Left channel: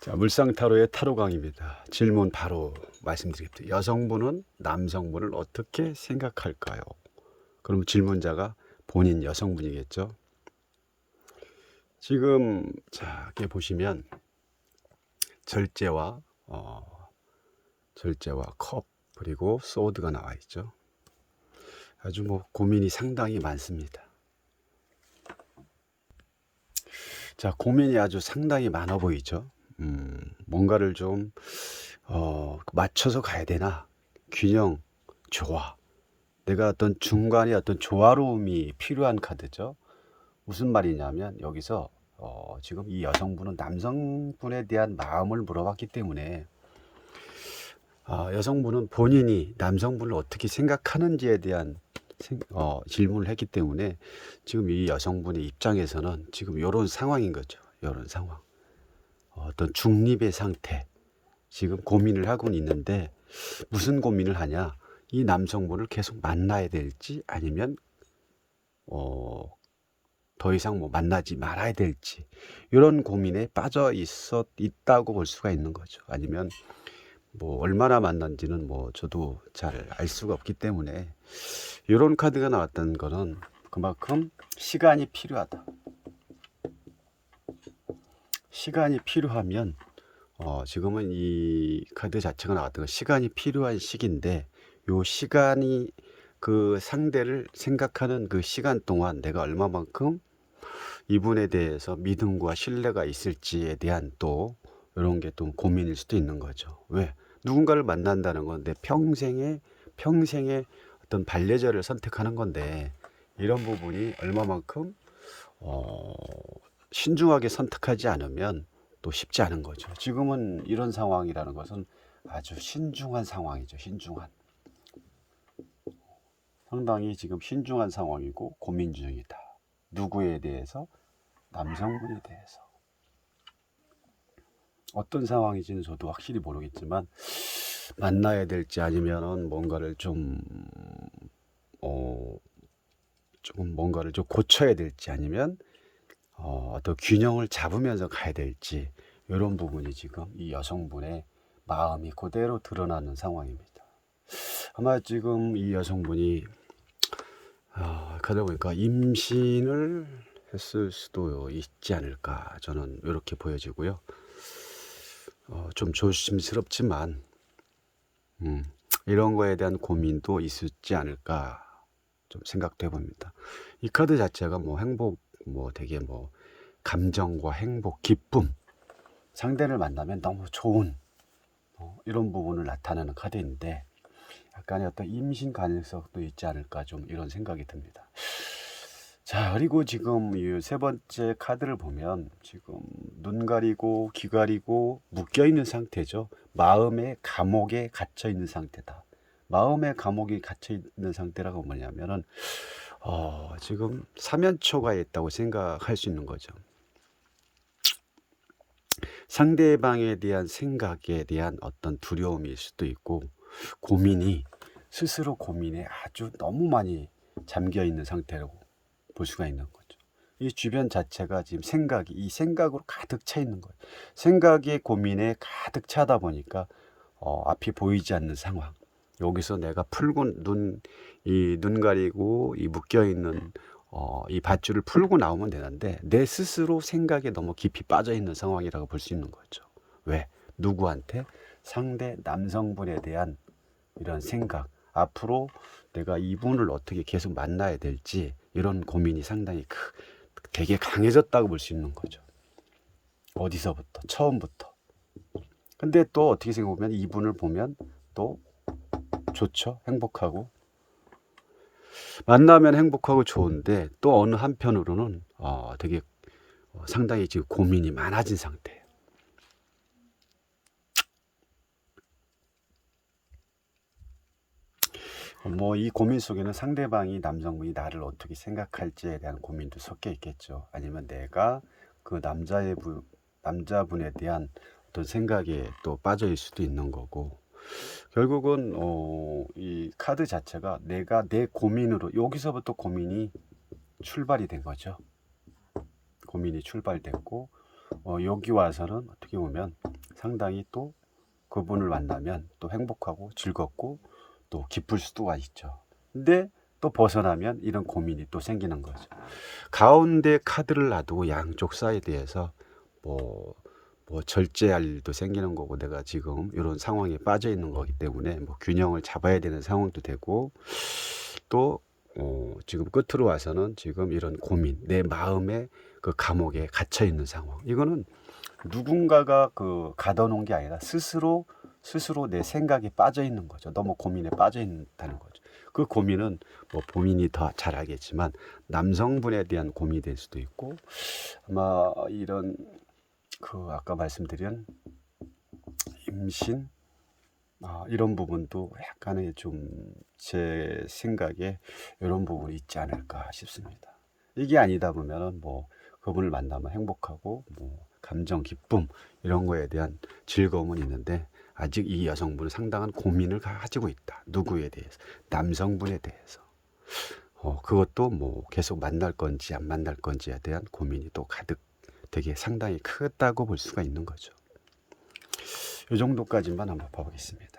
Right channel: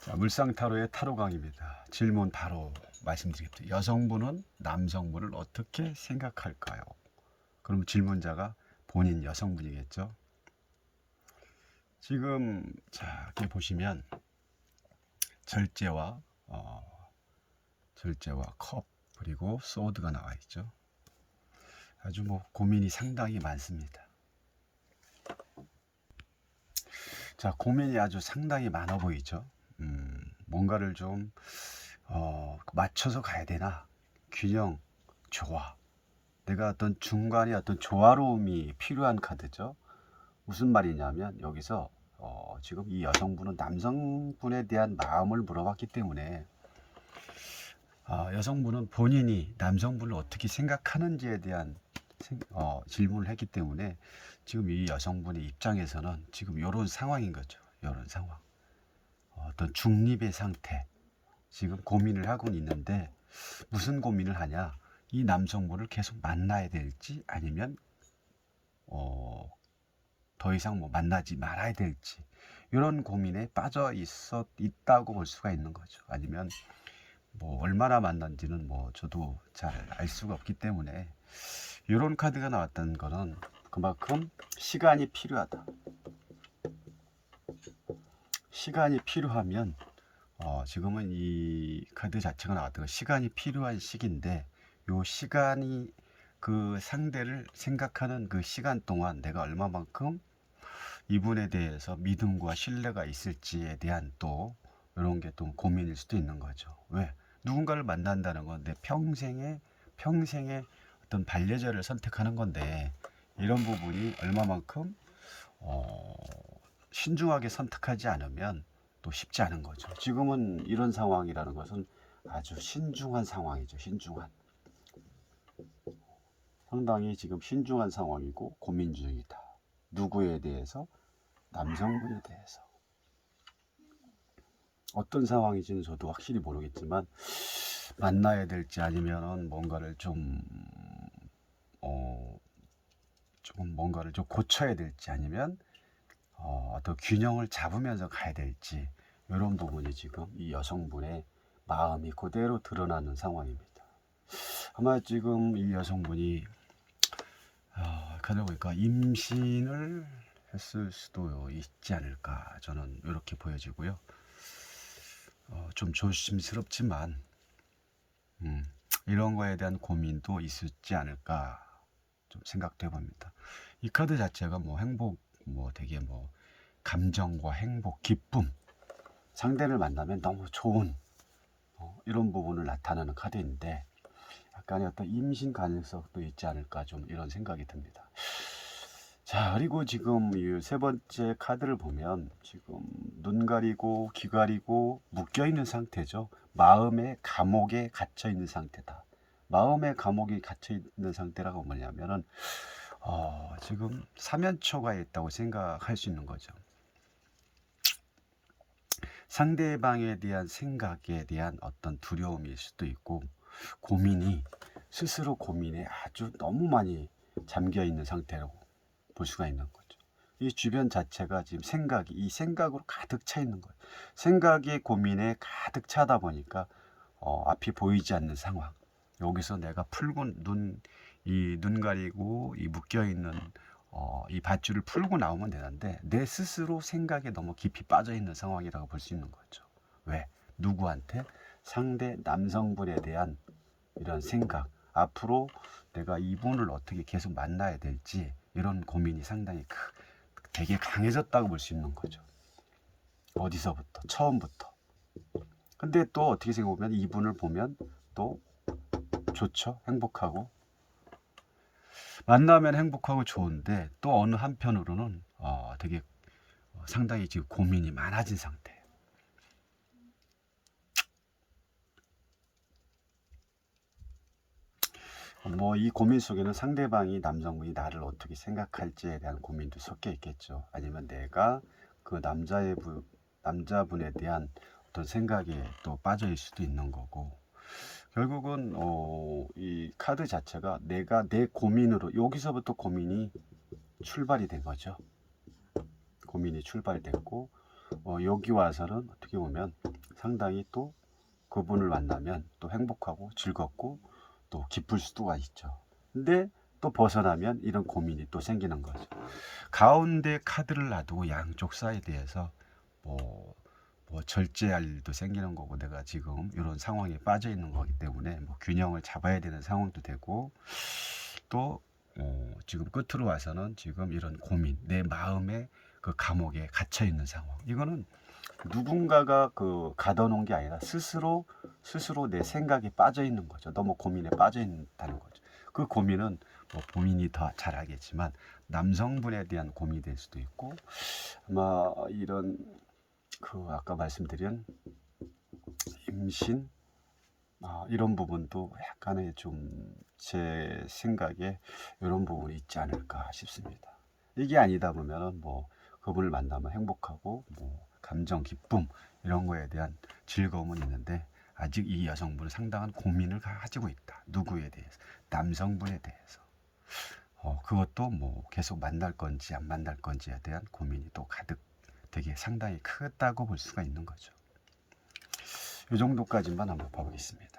자, 물상타로의 타로강입니다. 질문 바로 말씀드리겠습니다. 여성분은 남성분을 어떻게 생각할까요? 그럼 질문자가 본인 여성분이겠죠. 지금 자, 이렇게 보시면 절제와 컵 그리고 소드가 나와 있죠. 아주 고민이 상당히 많습니다. 자, 고민이 아주 상당히 많아 보이죠. 뭔가를 좀 맞춰서 가야 되나? 균형, 조화. 내가 어떤 중간에 어떤 조화로움이 필요한 카드죠. 무슨 말이냐면 여기서 지금 이 여성분은 남성분에 대한 마음을 물어봤기 때문에 여성분은 본인이 남성분을 어떻게 생각하는지에 대한 질문을 했기 때문에 지금 이 여성분의 입장에서는 지금 이런 상황인 거죠. 이런 상황. 어떤 중립의 상태. 지금 고민을 하고 있는데 무슨 고민을 하냐? 이 남성분을 계속 만나야 될지 아니면 더 이상 만나지 말아야 될지 이런 고민에 빠져 있다고 볼 수가 있는 거죠. 아니면 얼마나 만난지는 저도 잘 알 수가 없기 때문에 이런 카드가 나왔다는 거는 그만큼 시간이 필요하다. 시간이 필요하면 지금은 이 카드 자체가 나왔던 건 시간이 필요한 시기인데 요 시간이 그 상대를 생각하는 그 시간 동안 내가 얼마만큼 이분에 대해서 믿음과 신뢰가 있을지에 대한 또 이런 게 또 고민일 수도 있는 거죠. 왜? 누군가를 만난다는 건 내 평생의 어떤 반려자를 선택하는 건데 이런 부분이 얼마만큼 신중하게 선택하지 않으면 또 쉽지 않은 거죠. 지금은 이런 상황이라는 것은 아주 신중한 상황이죠. 신중한. 상당히 지금 신중한 상황이고 고민 중이다. 누구에 대해서? 남성분에 대해서. 어떤 상황인지는 저도 확실히 모르겠지만 만나야 될지 아니면은 뭔가를 조금 뭔가를 좀 고쳐야 될지 아니면 어떤 균형을 잡으면서 가야 될지 이런 부분이 지금 이 여성분의 마음이 그대로 드러나는 상황입니다. 아마 지금 이 여성분이 그러다 보니까 임신을 했을 수도 있지 않을까 저는 이렇게 보여지고요. 좀 조심스럽지만 이런 거에 대한 고민도 있었지 않을까 좀 생각돼 봅니다. 이 카드 자체가 행복 되게 감정과 행복, 기쁨, 상대를 만나면 너무 좋은 이런 부분을 나타내는 카드인데 약간의 어떤 임신 가능성도 있지 않을까 좀 이런 생각이 듭니다. 자, 그리고 지금 이 세 번째 카드를 보면 지금 눈 가리고 귀 가리고 묶여 있는 상태죠. 마음의 감옥에 갇혀 있는 상태다. 마음의 감옥이 갇혀 있는 상태라고 뭐냐면은 지금 사면초가에 있다고 생각할 수 있는 거죠. 상대방에 대한 생각에 대한 어떤 두려움일 수도 있고 스스로 고민에 아주 너무 많이 잠겨 있는 상태라고 볼 수가 있는 거죠. 이 주변 자체가 지금 이 생각으로 가득 차 있는 거예요. 생각에 고민에 가득 차다 보니까 앞이 보이지 않는 상황. 여기서 내가 이 눈 가리고 이 묶여 있는 이 밧줄을 풀고 나오면 되는데 내 스스로 생각에 너무 깊이 빠져 있는 상황이라고 볼 수 있는 거죠. 왜? 누구한테? 상대 남성분에 대한 이런 생각. 앞으로 내가 이분을 어떻게 계속 만나야 될지 이런 고민이 상당히 되게 강해졌다고 볼 수 있는 거죠. 어디서부터? 처음부터. 근데 또 어떻게 생각하면 이분을 보면 또 좋죠. 행복하고 만나면 행복하고 좋은데 또 어느 한편으로는 되게 상당히 지금 고민이 많아진 상태예요. 이 고민 속에는 상대방이 남성분이 나를 어떻게 생각할지에 대한 고민도 섞여 있겠죠. 아니면 내가 그 남자분에 대한 어떤 생각에 또 빠져 있을 수도 있는 거고 결국은 이 카드 자체가 내가 내 고민으로 여기서부터 고민이 출발이 된 거죠. 고민이 출발됐고 여기 와서는 어떻게 보면 상당히 또 그분을 만나면 또 행복하고 즐겁고 또 기쁠 수가 있죠. 근데 또 벗어나면 이런 고민이 또 생기는 거죠. 가운데 카드를 놔두고 양쪽 사이드에서 뭐, 뭐 절제할 일도 생기는 거고, 내가 지금 이런 상황에 빠져 있는 거기 때문에 뭐 균형을 잡아야 되는 상황도 되고, 또 지금 끝으로 와서는 지금 이런 고민, 내 마음의 그 감옥에 갇혀 있는 상황. 이거는 누군가가 그 가둬놓은 게 아니라 스스로 내 생각에 빠져 있는 거죠. 너무 고민에 빠져 있다는 거죠. 그 고민은 뭐 본인이 더 잘 알겠지만 남성분에 대한 고민이 될 수도 있고, 아마 이런 그 아까 말씀드린 임신, 이런 부분도 약간의 좀 제 생각에 이런 부분이 있지 않을까 싶습니다. 이게 아니다 보면은 뭐 그분을 만나면 행복하고 뭐 감정 기쁨 이런 거에 대한 즐거움은 있는데, 아직 이 여성분은 상당한 고민을 가지고 있다. 누구에 대해서? 남성분에 대해서. 그것도 뭐 계속 만날 건지 안 만날 건지에 대한 고민이 또 가득, 되게 상당히 크다고 볼 수가 있는 거죠. 이 정도까지만 한번 봐보겠습니다.